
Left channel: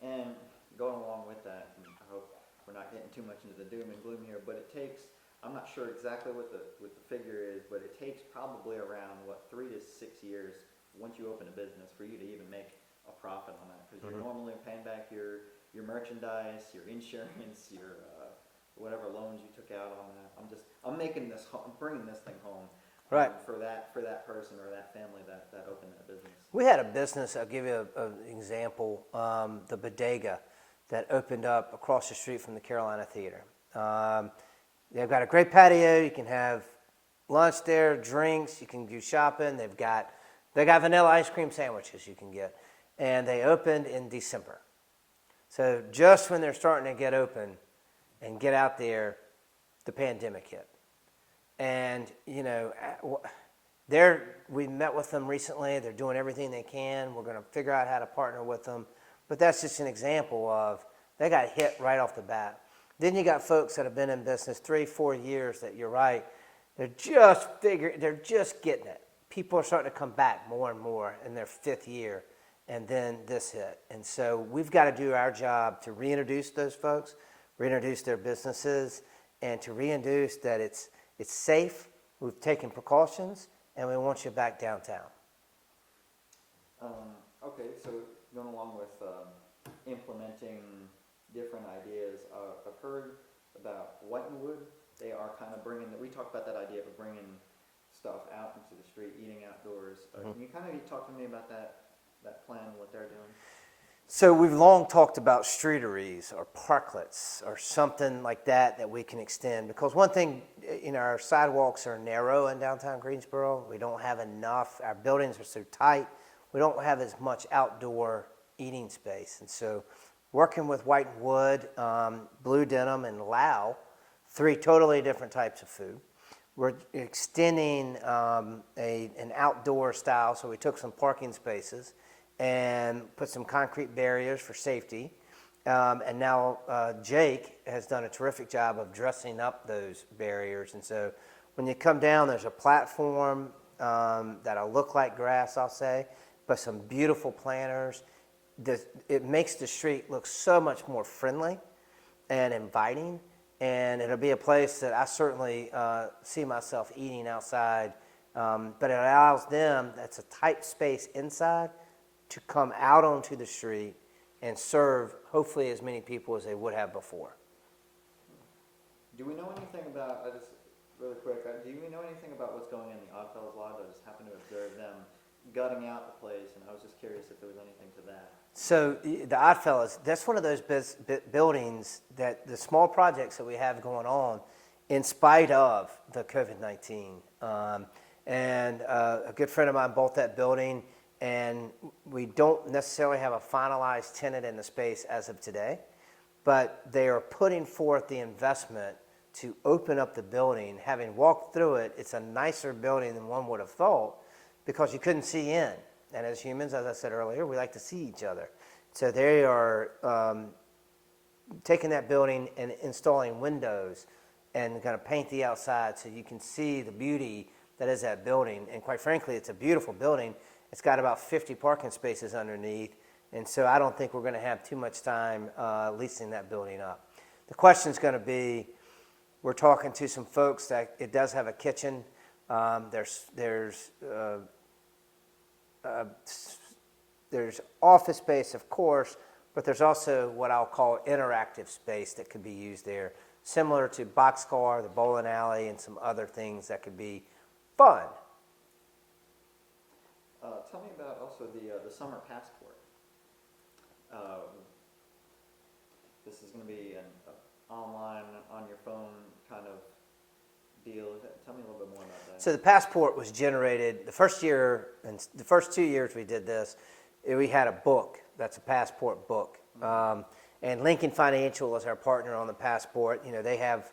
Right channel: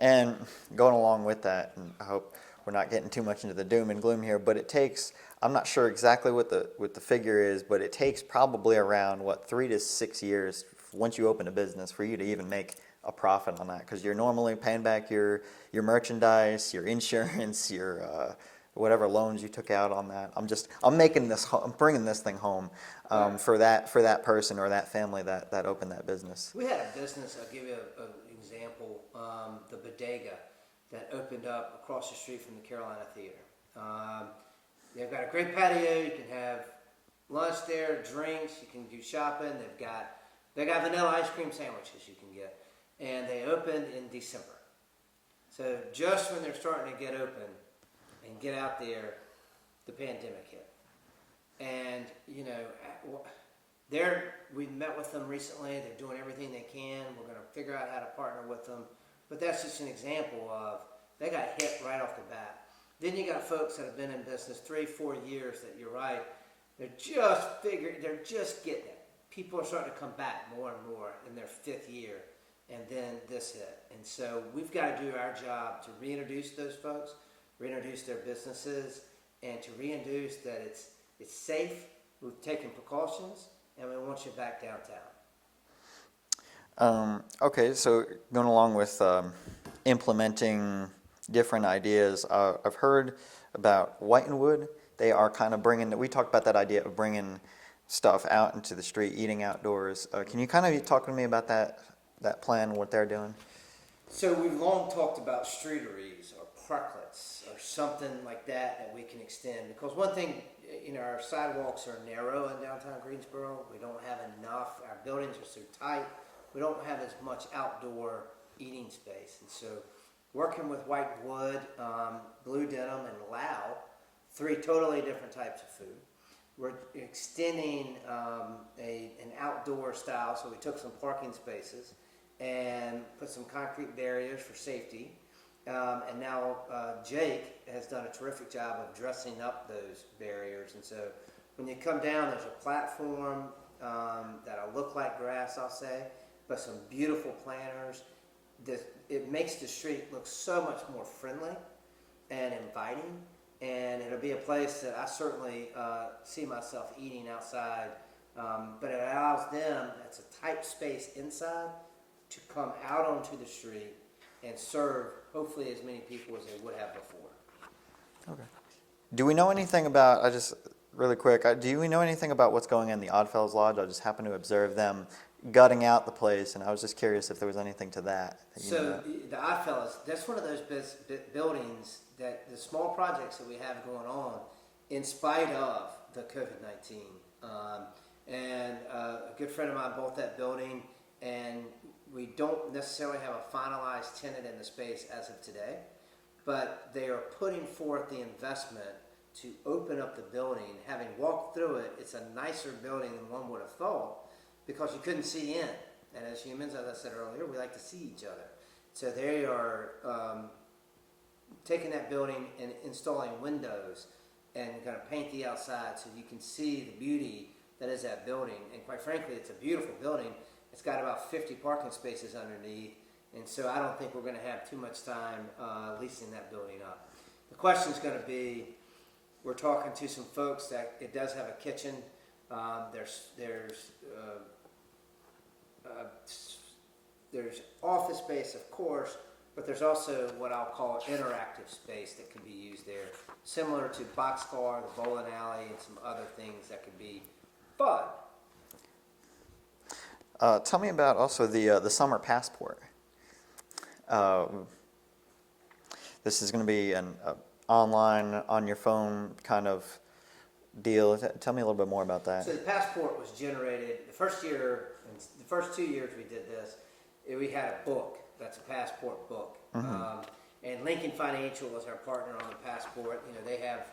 And going along with that, and I hope we're not getting too much into the doom and gloom here, but it takes, I'm not sure exactly what the figure is, but it takes probably around 3 to 6 years once you open a business for you to even make a profit on that, because you're normally paying back your merchandise, your insurance, your whatever loans you took out on that. I'm bringing this thing home Right. for that person or that family that opened that business. We had a business, I'll give you an example, the Bodega, that opened up across the street from the Carolina Theater. They've got a great patio. You can have lunch there, drinks. You can do shopping. They got vanilla ice cream sandwiches you can get. And they opened in December. So just when they're starting to get open and get out there, the pandemic hit. And, we met with them recently. They're doing everything they can. We're going to figure out how to partner with them. But that's just an example of, they got hit right off the bat. Then you got folks that have been in business 3-4 years that, you're right, they're just getting it. People are starting to come back more and more in their 5th year, and then this hit. And so we've got to do our job to reintroduce those folks, reintroduce their businesses, and to reintroduce that it's safe, we've taken precautions, and we want you back downtown. Okay, so going along with implementing different ideas, I've heard about Whitenwood. They are kind of we talked about that idea of bringing stuff out into the street, eating outdoors. Can you kind of talk to me about that plan, what they're doing? So we've long talked about streeteries or parklets or something like that we can extend. Because one thing, our sidewalks are narrow in downtown Greensboro. We don't have enough. Our buildings are so tight. We don't have as much outdoor eating space. And so working with Whitenwood, Blue Denim, and Lau 3 totally different types of food. We're extending an outdoor style, so we took some parking spaces and put some concrete barriers for safety. And now Jake has done a terrific job of dressing up those barriers. And so when you come down, there's a platform that'll look like grass, I'll say, but some beautiful planters. It makes the street look so much more friendly and inviting. And it'll be a place that I certainly see myself eating outside. But it allows them, that's a tight space inside, to come out onto the street and serve hopefully as many people as they would have before. Okay. Do we know anything about, really quick, do we know anything about what's going on in the Oddfellows Lodge? I just happened to observe them gutting out the place, and I was just curious if there was anything to that. So the Oddfellows, that's one of those buildings that the small projects that we have going on in spite of the COVID-19. And a good friend of mine bought that building, and we don't necessarily have a finalized tenant in the space as of today, but they are putting forth the investment to open up the building. Having walked through it, it's a nicer building than one would have thought because you couldn't see in. And as humans, as I said earlier, we like to see each other. So they are taking that building and installing windows and going to paint the outside so you can see the beauty that is that building. And quite frankly, it's a beautiful building. It's got about 50 parking spaces underneath. And so I don't think we're going to have too much time leasing that building up. The question's going to be, we're talking to some folks that it does have a kitchen. There's office space, of course, but there's also what I'll call interactive space that could be used there, similar to Boxcar, the bowling alley, and some other things that could be fun. Tell me about also the summer passport. This is going to be an online, on your phone kind of deal. Tell me a little bit more about that. So the passport was generated the first year, and the first 2 years we did this, we had a book. That's a passport book. Mm-hmm. And Lincoln Financial is our partner on the passport. You know, they have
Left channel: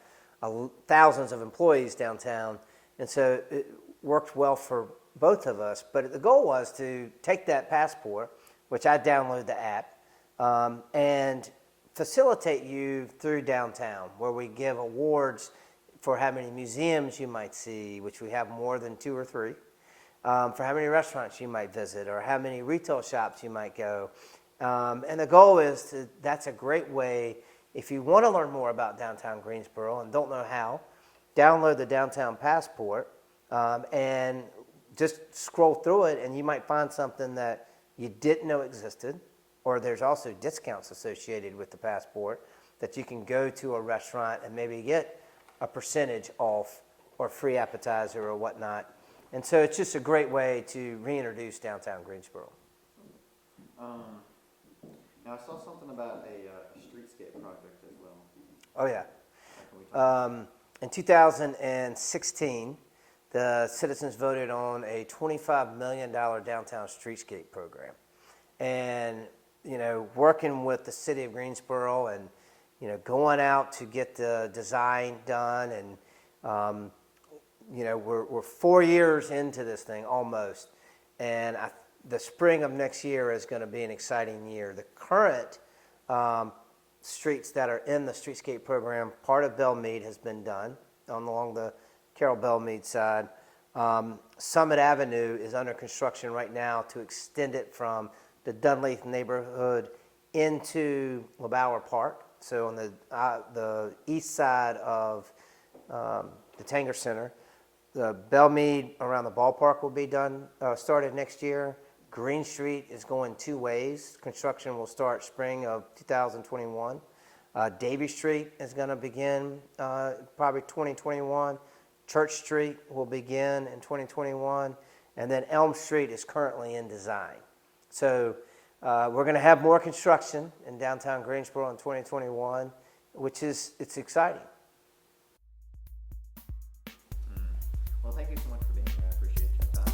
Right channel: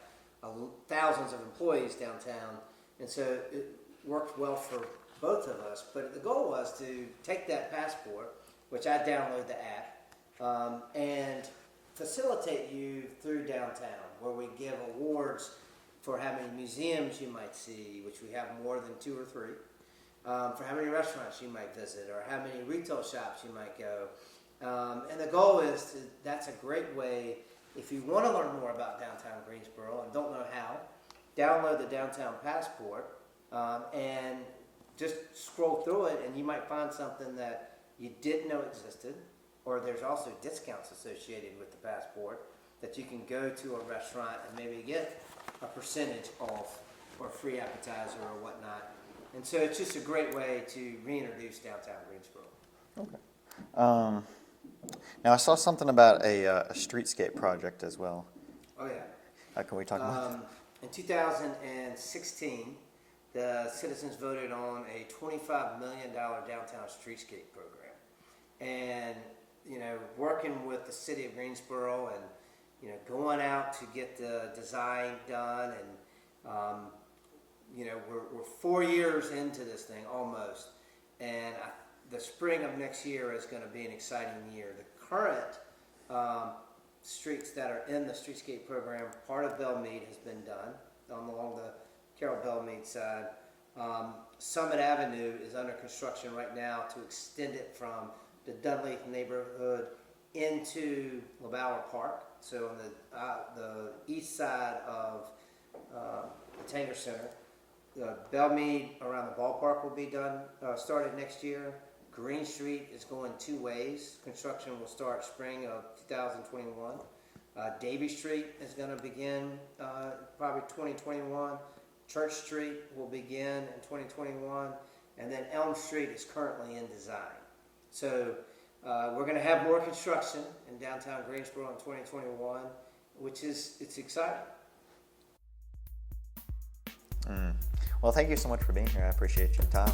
thousands of employees downtown, and so it worked well for both of us. But the goal was to take that passport, which I download the app, and facilitate you through downtown, where we give awards for how many museums you might see, which we have more than 2 or 3, for how many restaurants you might visit, or how many retail shops you might go. And the goal is that's a great way, if you want to learn more about downtown Greensboro and don't know how, download the Downtown Passport and just scroll through it, and you might find something that you didn't know existed, or there's also discounts associated with the passport that you can go to a restaurant and maybe get a percentage off or free appetizer or whatnot. And so it's just a great way to reintroduce downtown Greensboro. Okay. Now I saw something about a streetscape project as well. Oh, yeah. Can we talk about that? In 2016, the citizens voted on a $25 million downtown streetscape program. And, you know, working with the city of Greensboro and, you know, going out to get the design done. And, you know, we're 4 years into this thing almost. And the spring of next year is going to be an exciting year. The current streets that are in the streetscape program, part of Belmead has been done along the Carroll Belmead side. Summit Avenue is under construction right now to extend it from the Dunleith neighborhood into LeBauer Park. So on the east side of the Tanger Center, the Belmead around the ballpark will be done, started next year. Green Street is going 2 ways. Construction will start spring of 2021. Davie Street is going to begin probably 2021. Church Street will begin in 2021. And then Elm Street is currently in design. So we're going to have more construction in downtown Greensboro in 2021, it's exciting. Well, thank you so much for being here. I appreciate your time.